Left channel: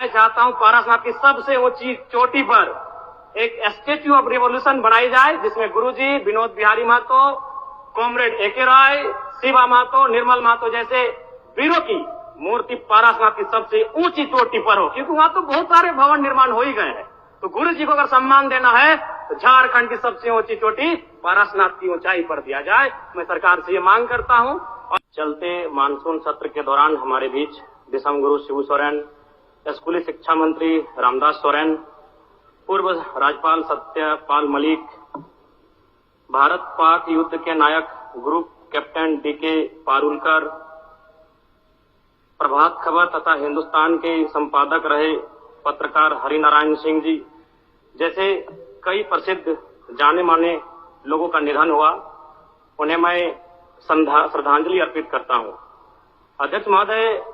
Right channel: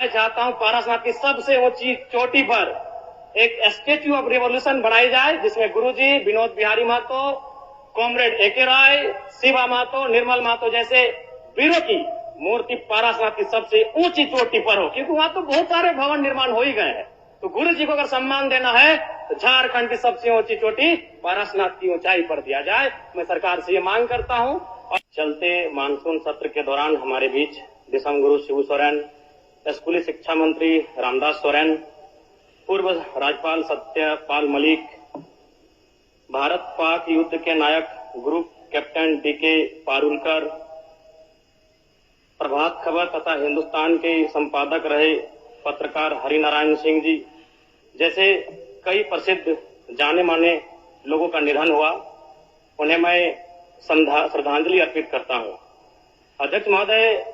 मैं चाहता हूं पारसनाथ की सबसे ऊंची चोटी पर एक स्टेच्यू ऑफ रिवॉल्यूशन बनाई जाए, जिसमें गुरुजी, विनोद बिहारी महतो, कॉमरेड एके राय, शिवा महतो, निर्मल महतो जैसे वीरों की मूर्ति पारसनाथ की सबसे ऊंची चोटी पर हो, क्योंकि वहां तो बहुत सारे भवन निर्माण हो ही गए हैं। तो गुरु जी को अगर सम्मान देना है तो झारखंड की सबसे ऊंची चोटी पारसनाथ की ऊंचाई पर दिया जाए। मैं सरकार से ये मांग करता हूं। और चलते मानसून सत्र के दौरान हमारे बीच दिसम गुरु शिबू सोरेन, स्कूली शिक्षा मंत्री रामदास सोरेन, पूर्व राज्यपाल सत्यपाल मलिक, भारत पाक युद्ध के नायक group captain DK Parulkar, Prabhat Khabar तथा हिंदुस्तान के संपादक रहे पत्रकार हरिनारायण सिंह जी जैसे कई प्रसिद्ध जाने माने लोगों का निधन हुआ, उन्हें मैं श्रद्धांजलि अर्पित करता हूं। अध्यक्ष महोदय,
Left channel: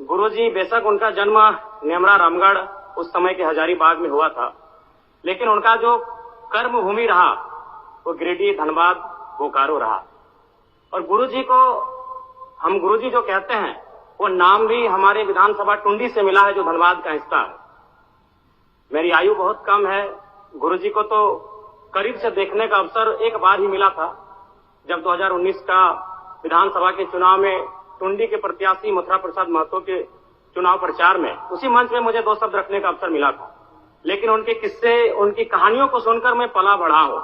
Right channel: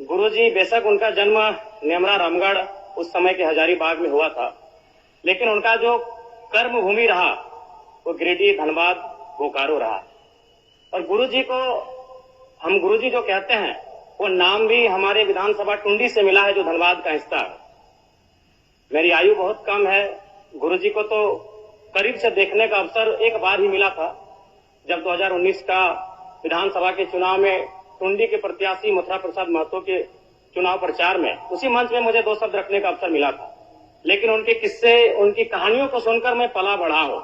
गुरुजी बेशक उनका जन्म नेमरा रामगढ़ उस समय के हजारीबाग में हुआ था, लेकिन उनका जो कर्म भूमि रहा वो गिरिडीह, धनबाद, बोकारो रहा। और गुरुजी को हम गुरुजी जो कहते हैं वो नाम भी हमारे विधानसभा टुंडी से मिला है, जो धनबाद का हिस्सा है। मेरी आयु बहुत कम है, गुरुजी को तो करीब से देखने का अवसर एक बार ही मिला था, जब 2019 का विधानसभा के चुनाव में टुंडी के प्रत्याशी मथुरा प्रसाद महतो के चुनाव प्रचार में उसी मंच में मुझे 2 शब्द रखने का अवसर मिला था। लेकिन उनके किस्से, उनकी कहानियों को सुनकर मैं पला बढ़ा हूं,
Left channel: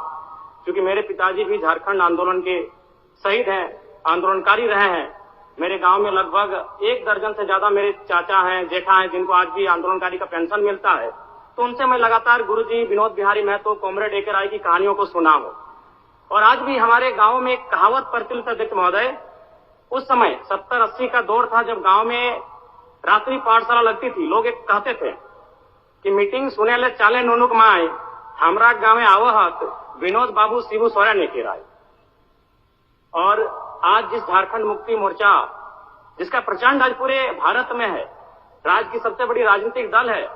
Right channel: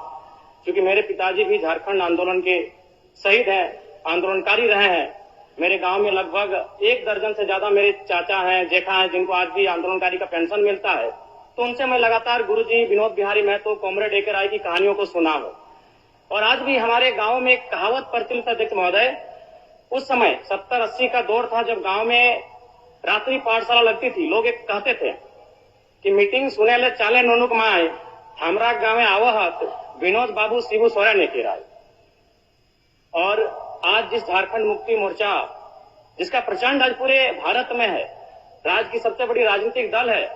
क्योंकि मेरे पिताजी भी झारखंड आंदोलन के शहीद हैं, आंदोलनकारी रहे हैं। मेरे गांव में लगभग 1 दर्जन से ज्यादा मेरे चाचा हैं, जेठा हैं, जिनको आज भी आंदोलनकारी का पेंशन मिलता है। तो उनसे मैं लगातार गुरुजी, विनोद बिहारी महतो, कॉमरेड एके राय की कहानियों को सुना हूं। और आज भी हमारे गांव में एक कहावत प्रचलित है अध्यक्ष महोदय, उस समय 70-80 का दौर था जब गांव में रात्रि पाठशाला लगती थी। लोग एक कहते थे कि मीटिंग सुने ले चाले नोनुक माए, हमरा गांव में आवहत विनोद बाबू शिबू सोरेन एके राय। और आज जिस झारखंड मुक्ति मोर्चा, जिसका प्रचंड आज पूरे भारत में है, राज्य की सबसे बड़ी राजनीतिक दल है,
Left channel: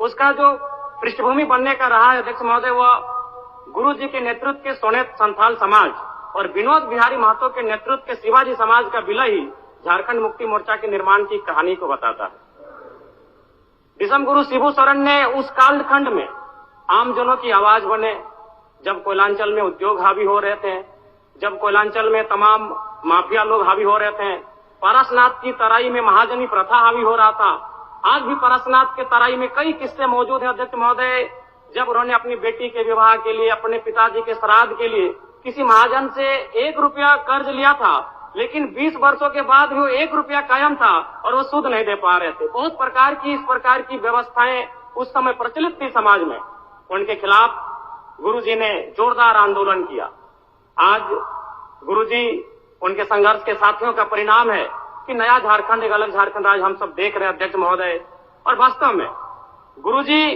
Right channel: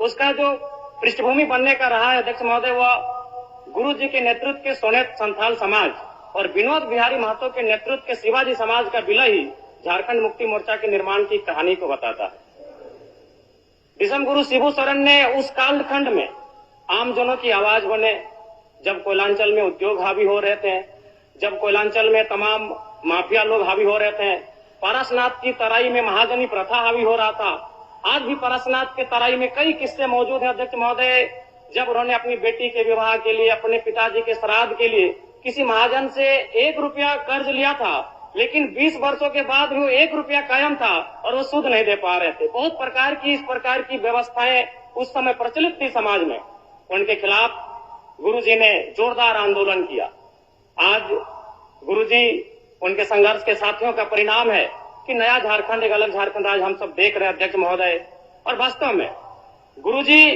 उसका जो पृष्ठभूमि बनने का रहा है अध्यक्ष महोदय, वह गुरु जी के नेतृत्व के सोनेत संथाल समाज और विनोद बिहारी महतो के नेतृत्व के शिवाजी समाज का विलय ही झारखंड मुक्ति मोर्चा के निर्माण की कहानी को बताता है। दिसम गुरु शिबू सोरेन ने उस कालखंड में आमजनों की आवाज बने, जब कोयलांचल में उद्योग हावी हो रहे थे, जब कोयलांचल में तमाम माफिया लोग हावी हो रहे थे, पारसनाथ की तराई में महाजनी प्रथा हावी हो रहा था। आज भी पारसनाथ के तराई में कई किस्से मौजूद हैं अध्यक्ष महोदय, जब उन्होंने अपनी बेटी के विवाह के लिए, अपने पिताजी के श्राद्ध के लिए किसी महाजन से 1 रुपया कर्ज लिया था, लेकिन 20 वर्षों के बाद भी वो 1 रुपया कायम था और वो सूद नहीं दे पा रहे थे। बहुत प्रकार की इस प्रकार की व्यवस्थाएं उस समय प्रचलित थी समाज में। उनके खिलाफ गुरुजी ने जोरदार आंदोलन किया। आज गुरुजी, उनके संघर्ष के साथियों का परिणाम है कि नया झारखंड, एक अलग झारखंड आज हम सब देख रहे हैं अध्यक्ष महोदय। और वास्तव में गुरुजी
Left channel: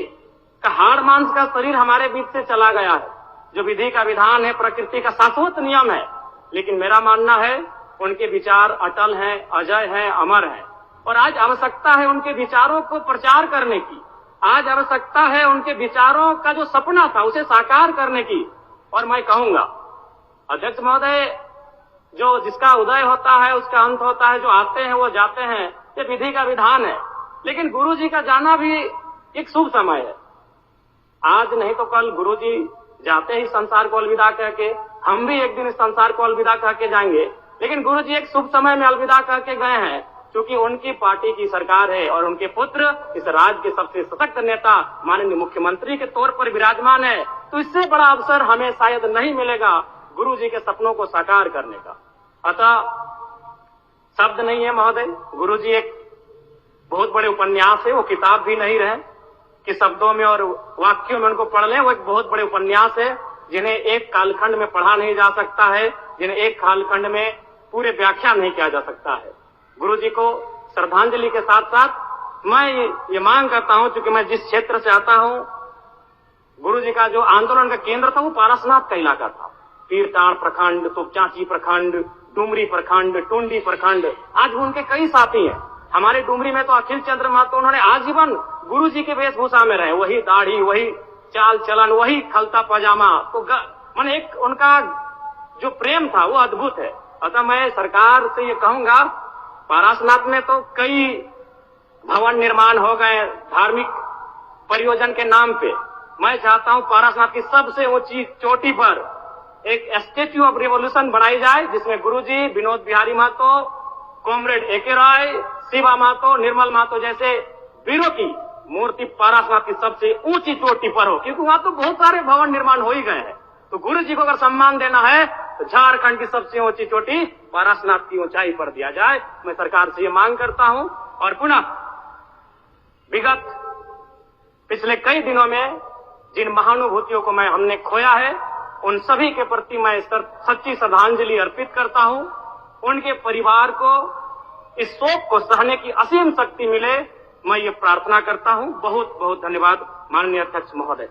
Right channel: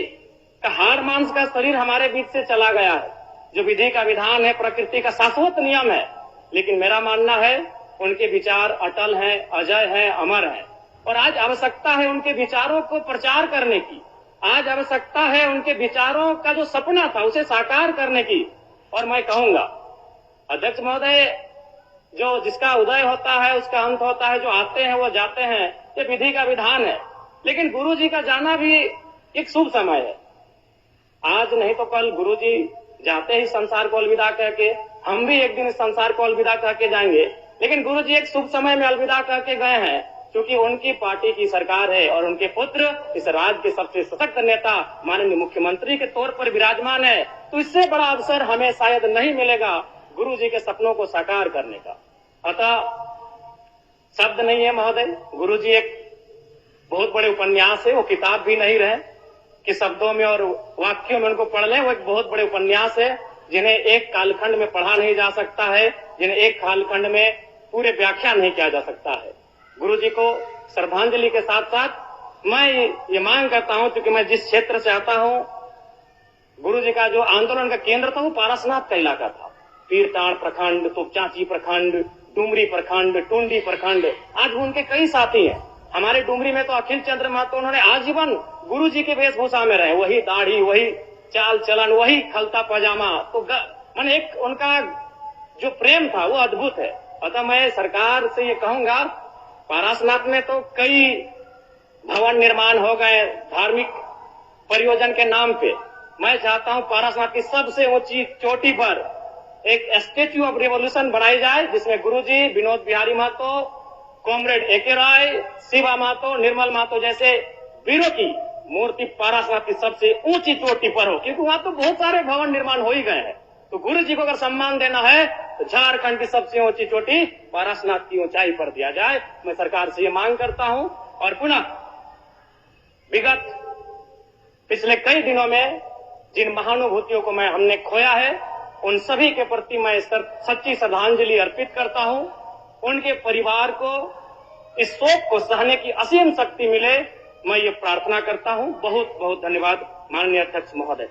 का हाड़ मांस का शरीर हमारे बीच से चला गया है, जो विधि का विधान है, प्रकृति का शाश्वत नियम है। लेकिन मेरा मानना है उनके विचार अटल हैं, अजय हैं, अमर हैं। और आज आवश्यकता है उनके विचारों को प्रचार करने की। आज आवश्यकता है उनके विचारों का जो सपना था उसे साकार करने की। और मैं कहूंगा अध्यक्ष महोदय, जो जिसका उदय होता है उसका अंत होता है, जो आते हैं वो जाते हैं, ये विधि का विधान है। लेकिन गुरुजी का जाना भी एक शुभ समय है। आज नहीं तो कल गुरुजी जाते ही संसार को अलविदा कह के, हम भी एक दिन इस संसार को अलविदा कह के जाएंगे। लेकिन गुरुजी एक शुभ समय में अलविदा कह के गए हैं, क्योंकि उनकी पार्टी की सरकार है और उनके पुत्र इस राज्य के सबसे सशक्त नेता माननीय मुख्यमंत्री के तौर पर विराजमान है। तो इससे बड़ा अवसर हमें शायद नहीं मिलेगा गुरुजी के सपनों को साकार करने का। अतः शब्द नहीं है महोदय, गुरुजी एक बहुत बड़े उपन्यास है, वो किताब भी नहीं रहे कि शब्दों में और वाक्यों में उनको पढ़ लें। वो एक बहुत बड़े उपन्यास है, जिन्हें एक कालखंड में पढ़ा नहीं जा सकता है, जिन्हें एक कालखंड में पूरे व्याख्या नहीं किया जा सकता है। गुरुजी को श्रद्धांजलि के साथ साथ मैं ये मांग करता हूं, क्योंकि मैं जिस क्षेत्र से आता हूं, गुरुजी का जो आंदोलन का केंद्र था वो पारसनाथ का इलाका था। पीरटाण प्रखंड, तुपचांची प्रखंड, डुमरी प्रखंड, टुंडी प्रखंड, आज भी उनके कई साथी हैं। हमारे डुमरी में तो अखिल चंद्र महतो, उन्होंने आजीवन गुरुजी के वेशभूषा में रहे, वही दाढ़ी, वही चाल चलन, वही खलता पजामा। तो मन एक उनका जो प्रेम था वो अद्भुत है। अतः मैं सरकार से ये कहूंगा, पारसनाथ में तो कई भवन निर्माण हो गए धार्मिक परियोजन के नाम पे। मैं चाहता हूं पारसनाथ की सबसे ऊंची चोटी पर एक स्टेच्यू ऑफ रिवोल्यूशन बनाई जाए, जिसमें गुरुजी, विनोद बिहारी महतो, कॉमरेड एके राय, शिवा महतो, निर्मल महतो जैसे वीरों की मूर्ति पारसनाथ की सबसे ऊंची चोटी पर हो, क्योंकि वहां तो बहुत सारे भवन निर्माण हो ही गए हैं। तो गुरु जी को अगर सम्मान देना है तो झारखंड की सबसे ऊंची चोटी पारसनाथ की ऊंचाई पर दिया जाए। मैं सरकार से ये मांग करता हूं। और पुनः विगत पिछले कई दिनों में जिन महानुभूतियों को हमने खोया है, उन सभी के प्रति मैं सच्ची श्रद्धांजलि अर्पित करता हूं। उनके परिवार को इस शोक को सहने की असीम शक्ति मिले, मैं ये प्रार्थना करता हूं। बहुत बहुत धन्यवाद माननीय अध्यक्ष महोदय।